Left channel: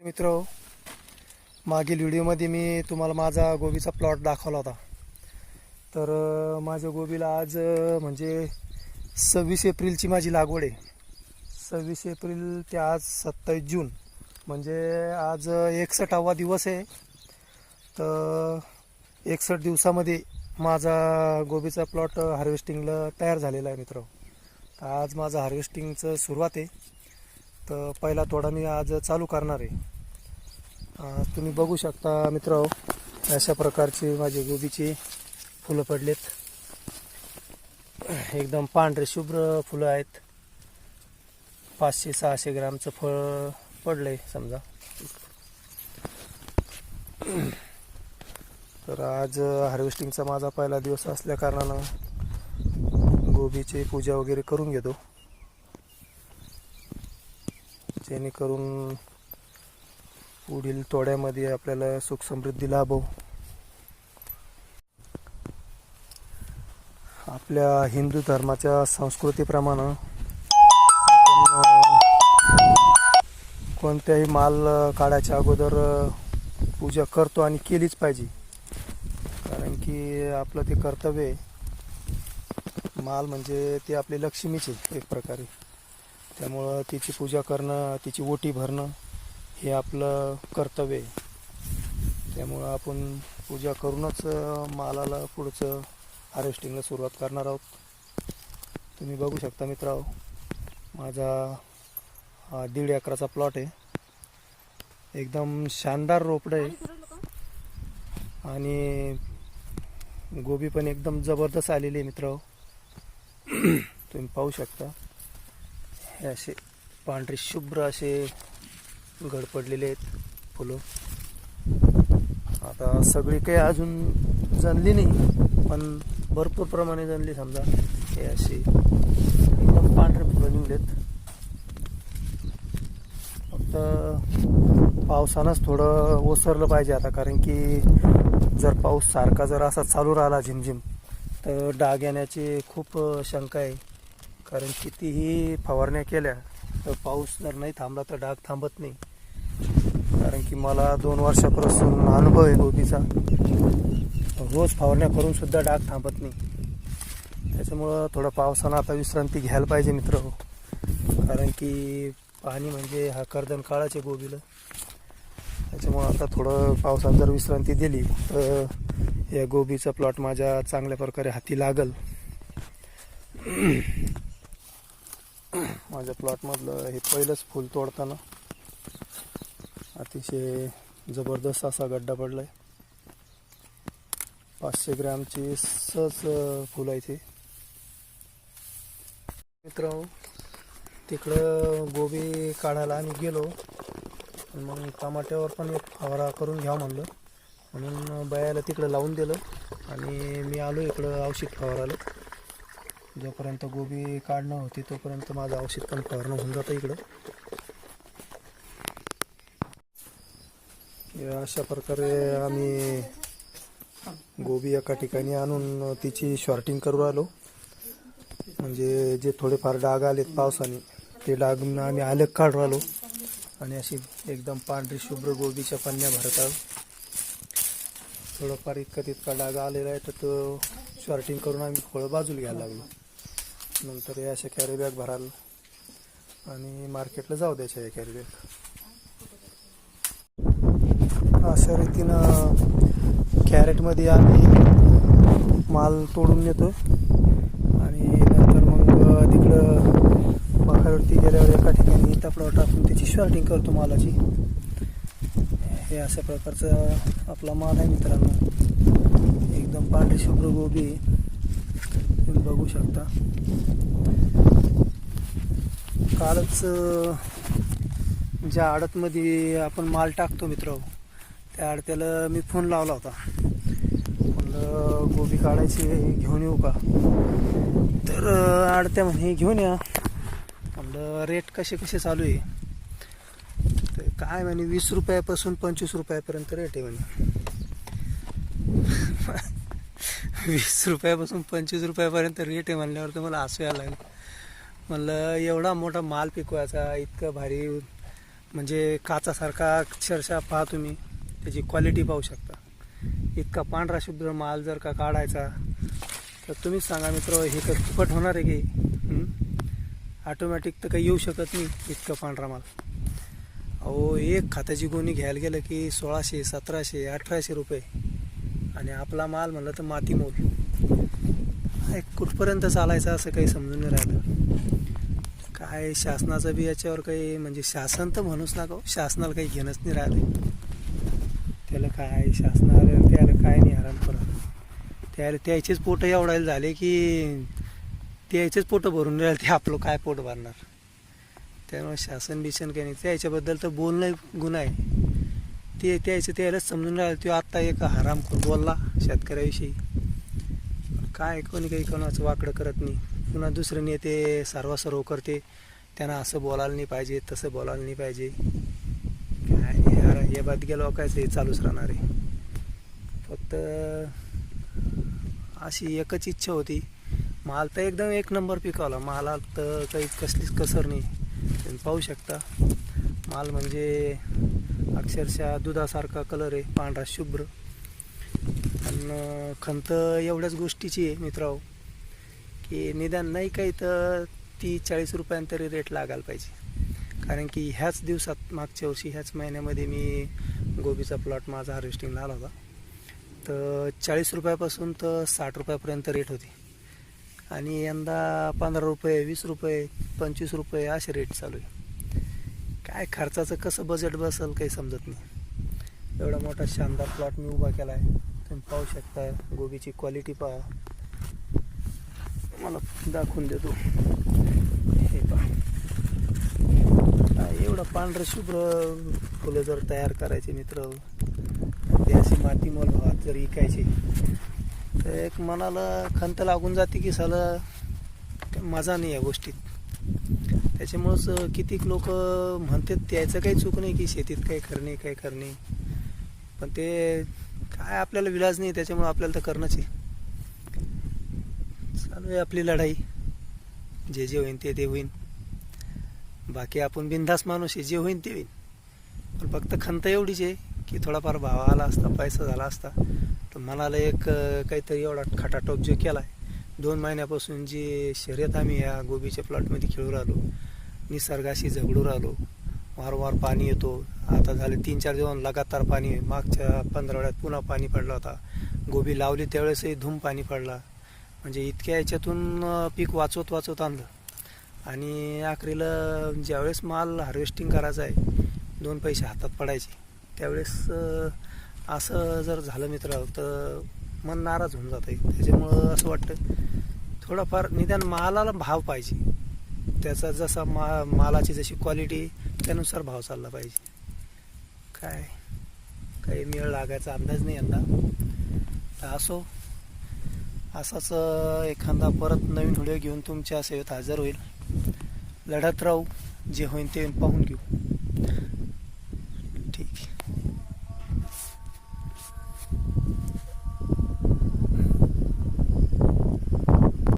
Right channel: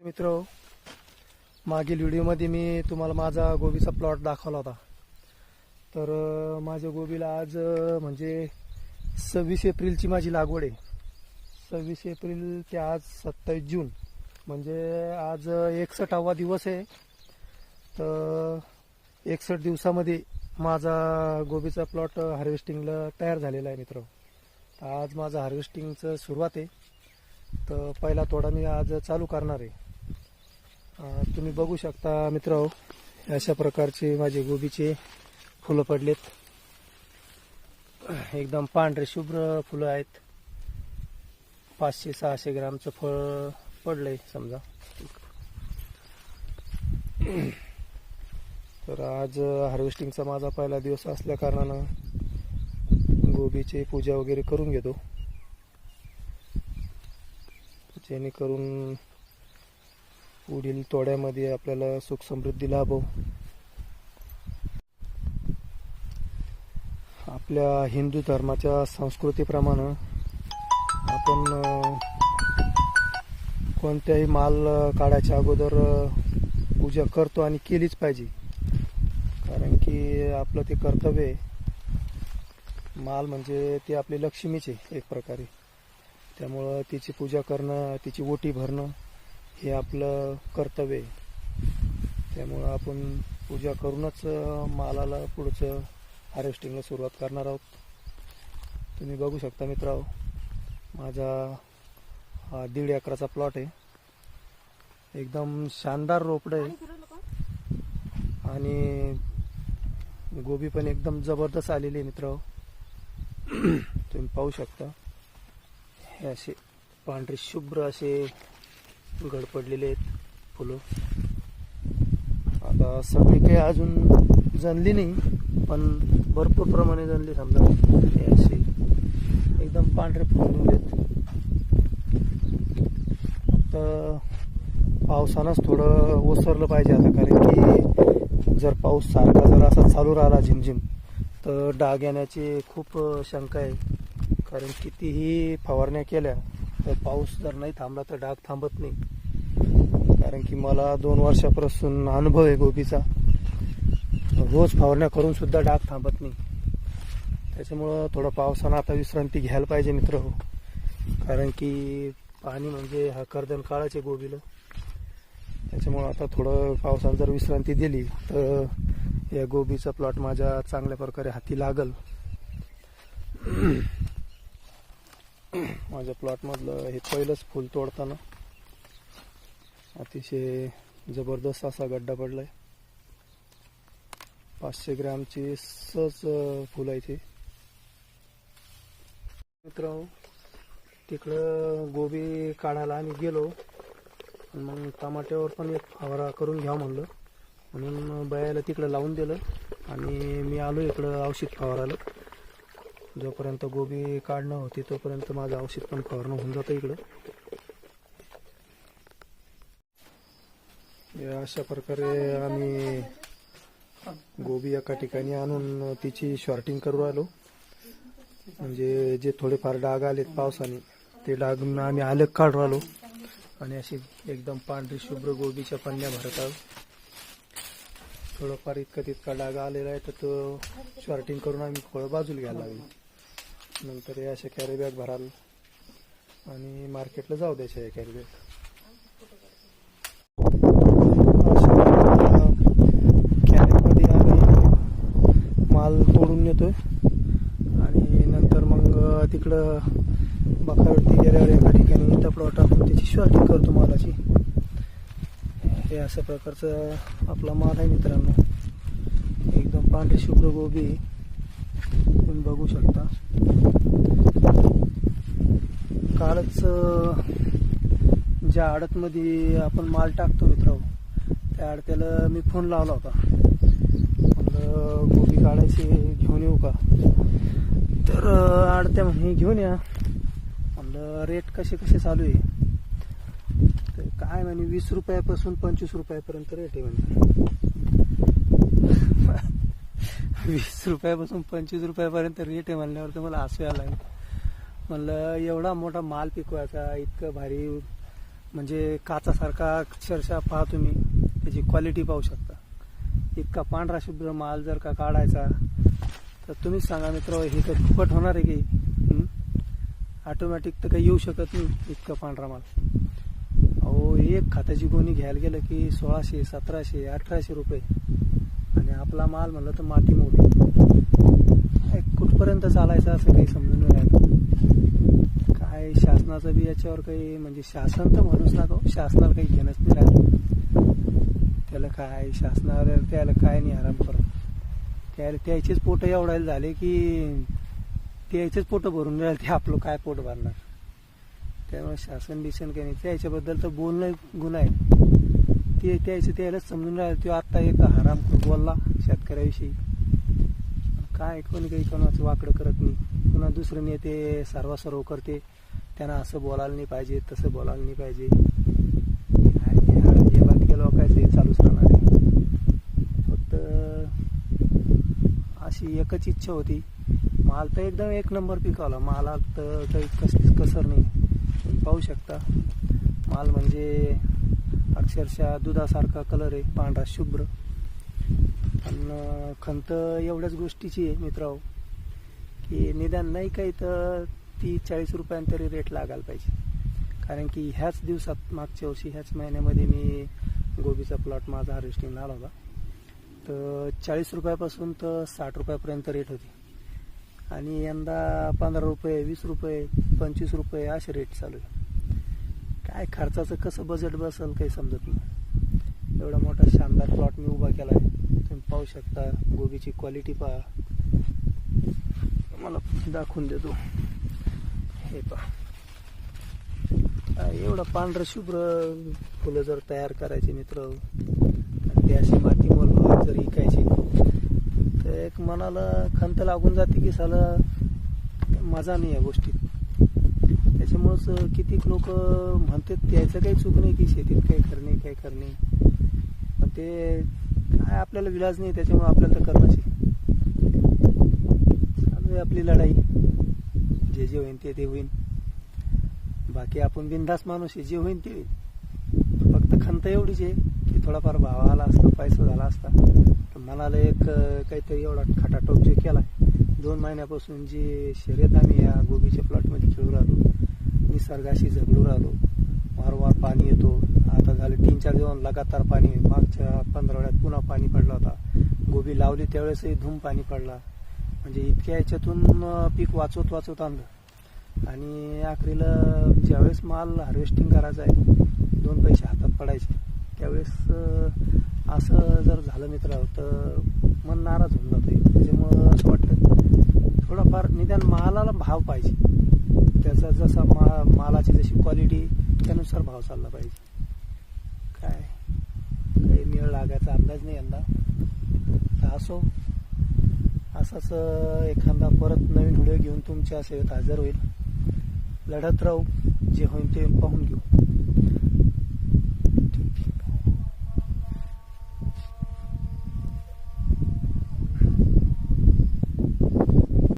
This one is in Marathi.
मित्र मागील व्हिडिओमध्ये मी तुम्हाला माझा गोबीचा प्लॉट दाखवला होता. तर माझ्या गोबीला आज म्हणजे सव्वीस एप्रिलची माझी लागवड आहे. सव्वीस एप्रिल ते आज सत्तावीस जून म्हणजे आज एकसष्टावा दिवस आहे. तर एकसष्ट दिवसामध्ये माझा गोबीचा प्लॉट हार्वेस्टिंगला तयार झालेला आहे मित्र. तर आज माझं हार्वेस्टिंगचं सुरुवात आहे. तर पहिला तोडा मी आज चालू करणार आहे. तुम्ही बघू शकता मित्र अशा प्रकारची माझे गोबीचे फुलं पडलेत. एकदम पांढरे शुभ्र फुलं आहेत. पाचशे सहाशे ग्रामचं फळ पडलं आहे समजा. तर आज हार्वेस्टिंगचा माझा पहिला दिवस असल्या कारणानं गोबीची पूजा वगैरे करून घेतो. जेणेकरून पुढील तोड्यामध्ये आपल्याला सुख समृद्धी लाभो. आपल्या हिंदू धर्माच्या संस्कृतीप्रमाणे आपण कोणत्याही माल काढायच्या अगोदर पूजा करतो आणि केलीच पाहिजे. कारण की आपलं ते कर्तव्य आहे. माल म्हणजे ते आपली लक्ष्मीचे एक प्रकारे. त्यामुळं तिची पूजा करणं तिची ओटी भरणं हे आपलं कर्तव्य आहे. त्यामुळं आपण पूजा करूनच मालाला पुढचं हार्वेस्टिंगला सुरुवात करणार आहोत. तुम्ही बघू शकता मित्रांनो माझा दीड एकराचा प्लॉट आहे. एकदम शानदार रोपडं आहे. आणि गोबी पण एकदम जबरदस्त आलेली आहे मित्र तुम्ही पाहू शकता. हे असे पांढरे शुभ्र असे घड पडलेले आहेत फुलं. आता सगळी काही अजून जणली नाही पण भरपूर प्रमाणे जणली समजा. हे असे एकदम पांढरे फुलं निघलेत फक्त पावसानंच थोडं ओसरलं पाहिजे आता कारण की जर पाऊस सारखा जर असा चालू राहिला झिमझिम तर डाग येण्याची खूप शंका आहे. कारण कितीही फवारण्या केल्या तर पाऊस जर नाही थांबला तर डाग थांबत नाही. कारण की मला दोन वर्षापासून अनुभव आहे गोबीचा. रोज फवारण्या करून सुद्धा डाग थांबत नाही. त्याच्यामुळं थोडं पावसानं आता विश्रांती घ्यायला पाहिजे मित्र. कारण की पाणी म्हणजे हा कर्दन काळाचे गोबीला. त्याच्यामुळं आता थोडं पावसानं जर विश्रांती दिली तर या गोबीचा प्लॉट माझ्या चांगल्या प्रकारे हाती लागल. माझ्या प्लॉटमधलं हे पहिलंच फूल तोडताना. अतिशय जबरदस्त असा गड्डा पडलाय. पाचशे ग्रॅमची सहज फुलं आहे ते. मित्र तिकडं गोबी काढायला आम्ही गेलो. मग टमाट्यावर पण एक फवारा करून घ्या म्हणलं. म्हणून बयाला तिकडं लावून दिलं. आणि मी आलो इकडं औषध फवाराला जोपर्यंत गोबी काढणं होती तोपर्यंत माझं औषध पण फवारणं होऊन जातं इकडं. अशा प्रकारे आम्ही गोबी एका ठिकाणी आणून तिची शॉर्टिंग करू आलो म्हणजे जे थोडेफार डाग आलेत पावसाने ते डाग आम्ही आलेख काढू आलो आणि अशी एकदम पांढरी शुभ्र गोबीच्या पन्न्या भरत आलो थोडंफार इतका तितका डाग आलेला आहे तर तो शॉर्टिंग करून आम्ही फळं बाजूला घ्यायला लागलो. नंतर या अशा कॅरी बॅग भराल. आणि मार्केटला जाऊ द्यायच्या या कॅरी बॅग अशा रीतीनं कॅरेटमध्ये आम्ही माल तोडून नेतो. आणि नंतर मग तिकडं बाकावरती गेल्यावर एका ठिकाणी इटा प्लॉट आपण त्याची शॉर्टिंग करतो मालाची. हे अशा प्रकारचा आपला माल आहे मित्रांनो. एकदम पांढरी शुभ्र गोबी. आहे. बघू शकता. कालच ज्या आडतमध्ये आपण माल टाकतो मित्र त्या आडत्याला मी फोन लावला होता. म्हणलं गोबी काढायची घेऊन येऊ का? तर आडत्या म्हणे घेऊन या. म्हणलं रेट कसे कसे चालू आहे? तर काय म्हणे वीस रुपयापासून पंचवीस रुपयापर्यंत रेट आहे म्हणे. वीस रुपयापासून पंचवीस रुपयापर्यंत रेट आहे म्हणल्यावर तर मला हसू यायला लागलं. म्हणलं एवढा मोठा माल पिकवायचा इतकं भारी म्हणजे काचासारखा अक्षरशः पहा तुम्ही त्याची क्वालिटी पाहू शकता. इतका पांढरा शुभ्र माल जर का काढायचा तर तुम्हीच सांगा मित्र हे काही फुकट होणार आहे की? ऑटोमॅटिक तर काही येऊ शकत नाही इतका पांढरा माल. अहो एक खात्याची गोणी घ्यायला गेलं की सोळाशे सतराशे अठराशे रुपये. आणि आपला माल म्हणलं तर माती मोल काय कुठपर्यंत चालायचं असं काही समजून नाही राहिलं. काय शासनाचं बी याच्यावर काही म्हणजे शासन तर म्हणूच नका हो, शासनाला काही घेणंच नाही राहिलं. त्याला काय शासनाला त्याला काय नाही आराम करत त्याला त्याचेच पोटं एवढायला झाले की त्याचेच पोटं भरून राहिले ते आपलं काय पोट भरणार? त्यामुळे शासन बिशन काही नाही. त्याच्याबद्दल तर बोलणं गुन्हा आहे. ते त्याचं त्यालाच समजून राहिलं तो आत्ता एक हराम बोलला शेतकऱ्याविषयी. काय कोणी काही कोणाचं वाकडं करत नाही. पुन्हा दुसरे नेते सर्व करते. त्यांना असं बोलायला नाही पाहिजे तसं बोलायला नाही पाहिजे. काय यार हे बात गेलं हो, कायच हे चालूच राहणार आहे. फक्त अशी एकच इच्छा होती. माल तर एकदम एक नंबर पिकवला. मालात तर काही कसलीच कसर नाही. तुम्ही पाहू शकता. माल म्हणजे अक्षरशः दुधासारखा कलर आहे पांढरा शुभ्र. आणि खंत एवढ्याच गोष्टीची आहे मित्राओ की निदान नाही काही तर ती चाळीस रुपयांतरी रेट लागायला पाहिजे. कारण की ह्याच दिवसात मागच्या वर्षी ह्याच महिन्यामध्ये मी गोबीचा प्लॉट माझा हार्वेस्टिंगला आला होता. तर चाळीस रुपयापासून तर साठ रुपयापर्यंत रेट होती. आणि यंदा पंधरा रुपये वीस रुपये पंचवीस रुपये असे रेट चालू आहे. काय खर्चाचं कसं बजेट बसेल काही समजत नाही. एवढा मोठा शानदार प्लॉट मी उभा केला आहे तुम्ही पाहू शकता गोबीची क्वालिटी पहा. मला दाखवून देतो हे पहा. काय एवढं पांढरं शुभ्र फुलं जर तयार करायचे मित्र ती अशी माती मोल जर विकायची तर एक मनाला खंत लागून जाते की साला मजा नाही या गोष्टीत. त्याच्यामुळंच कितीक लोक म्हणतात त्याचं काही चूक नाही की शेतीत काही करणे काही करणे. पण ते काय आपल्याला विलाज नाही त्याच्यामुळं आपल्याला तर करणंच आहे. चालू आहे आपली लढाई. जे जे होईन ते ते होईन. बाकी आपण बिनधास माणूस आहे जे होईन ते होईन. पण फक्त खंत एवढीच आहे की थोडाफार भाव आला असता पैसा झाला असता तर मनाला एक काहीतरी एवढा खटाटोप जो केला आहे दोन महिन्यापासून जी शर्यत आम्ही या गोबीच्या प्लॉटमध्ये खेळू राहिलो निसर्गाशी झगडू राहिलो. वारंवार पाणी येतो. आता झाले तीन चार दिवस लगातार पाणी मागच्या पंधरावड्यात पुन्हा पाणी पडलं होता. गोबी लावली त्यावेळेसही धूम पाणी पडला. म्हणजे इतक्या याच्यातून पीक वाचवत वाचवत आणलं. आणि आखरीला ज्यावेळेस माल हार्वेस्टिंग करायचा आहे दोन पैसे हातात पडायचे. त्यावेळेस असं जर झालं मित्र तर मन नाराज होऊन जातं. त्याच्यामुळं असं वाटतं थोडाफार निदान मालाला भाव पाहिजे. त्याचा जसा मा मालाची जशी क्वालिटी त्यानुसार भाव चालला पाहिजे. काय? काही मेळ लागायचा अंदाज नाही यंदा तर असो. असाच एखादा परत नवीन व्हिडिओ घेऊन तुमच्या सेवेत हजर होईल. लढत राहू. जे होईन ते पाहून घेऊ.